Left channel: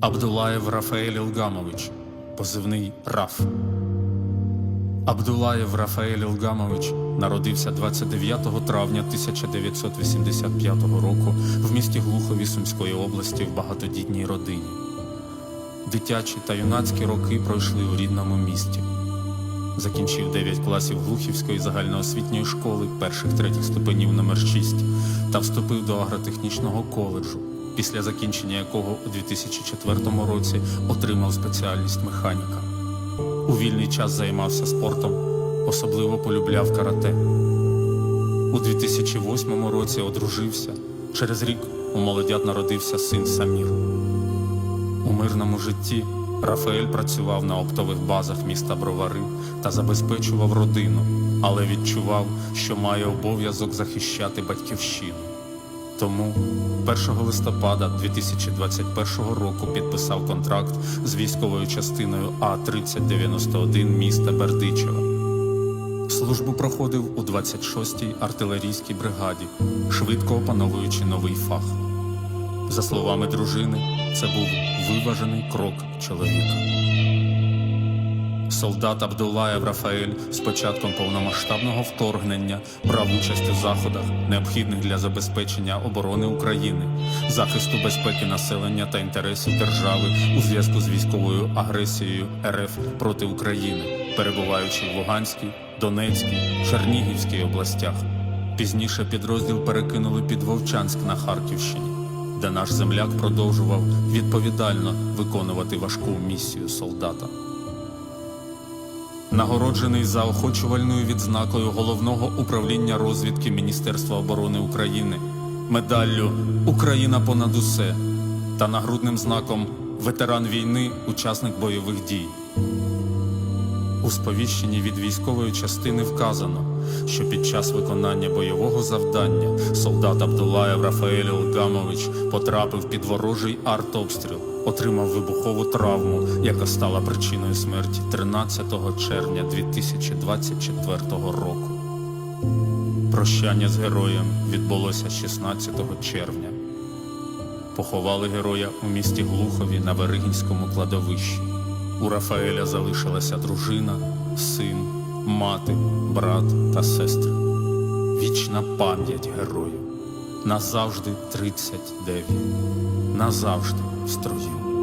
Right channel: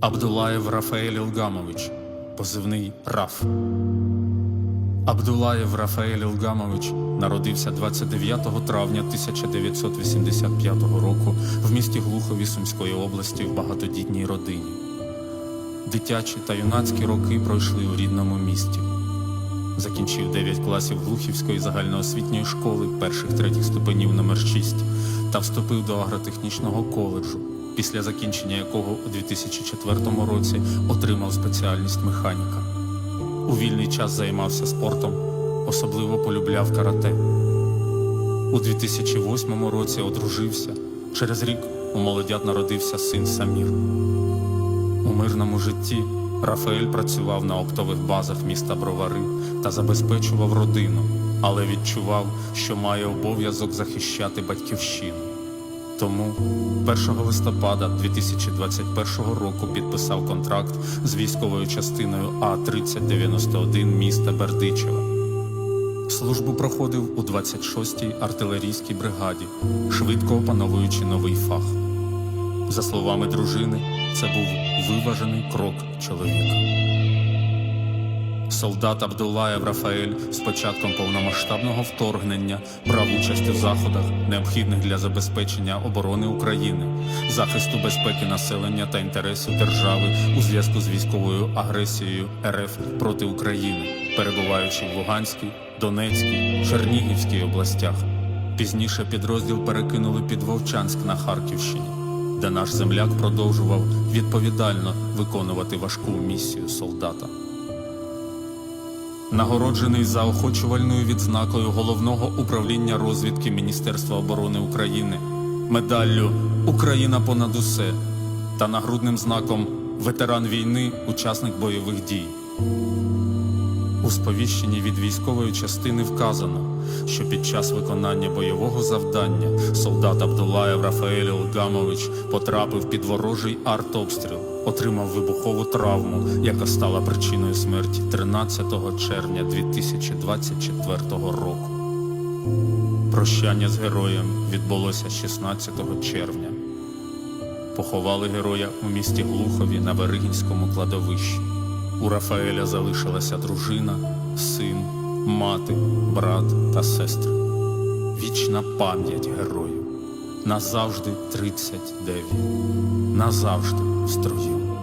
Абдулаєв Рафаель Ілгамович, позивний Раф. Абдулаєв Рафаель Ілгамович народився 29 травня 1985 року в місті Глухові Сумської області в багатодітній родині. Дитячі та юнацькі роки пройшли у рідному місті. Закінчив 9 класів Глухівської загальноосвітньої школи перших третіх ступенів номер 6 та вступив до агротехнічного коледжу, після закінчення якого у 2004 році отримав спеціальність механіка. У вільний час займався спортом, особливо полюбляв карате. У 2008 році одружився. Через рік у молодят народився син Самір. У мирному житті Рафаель працював на оптових базах міста Бровари та забезпечував родину, але відчував, що має обов'язок захищати батьківщину. Тому 1 листопада 2021 року підписав контракт з військовою частиною А-3091 міста Бердичева. Службу проходив у 26-й артилерійській бригаді, швидко опановуючи новий фах. За словами дружини, це був виважений крок чоловіка. Солдат Абдулаєв Рафаель з початком повномасштабного вторгнення брав участь у заходах, необхідних для забезпечення оборони України, захисту безпеки населення та інтересів держави у зв'язку з військовою агресією РФ проти України, перебуваючи в Луганській, Донецькій, Чернігівській областях. Пізніше підрозділ перекинули під Вовчанськ на Харківщині, де наш земляк продовжував відповідально виконувати важку місію солдата. Нагороджений заохочувальною відзнакою головного управління розвідки Міністерства оборони України, медаллю Україна понад усе та нагрудним знаком Ветеран війни, учасник бойових дій. У сповіщенні від військової частини вказано, що під час виконання бойового завдання солдат Абдулаєв Рафаель Ілгамович потрапив під ворожий артобстріл, отримав вибухову травму, яка стала причиною смерті 13 червня 2024 року. Прощання з героєм відбулося 16 червня. Поховали героя у місті Глухові на Берегінському кладовищі. У Рафаеля залишилася дружина, син, мати, брат та сестри. Вічна пам'ять герою. Назавжди 39. Назавжди в строю.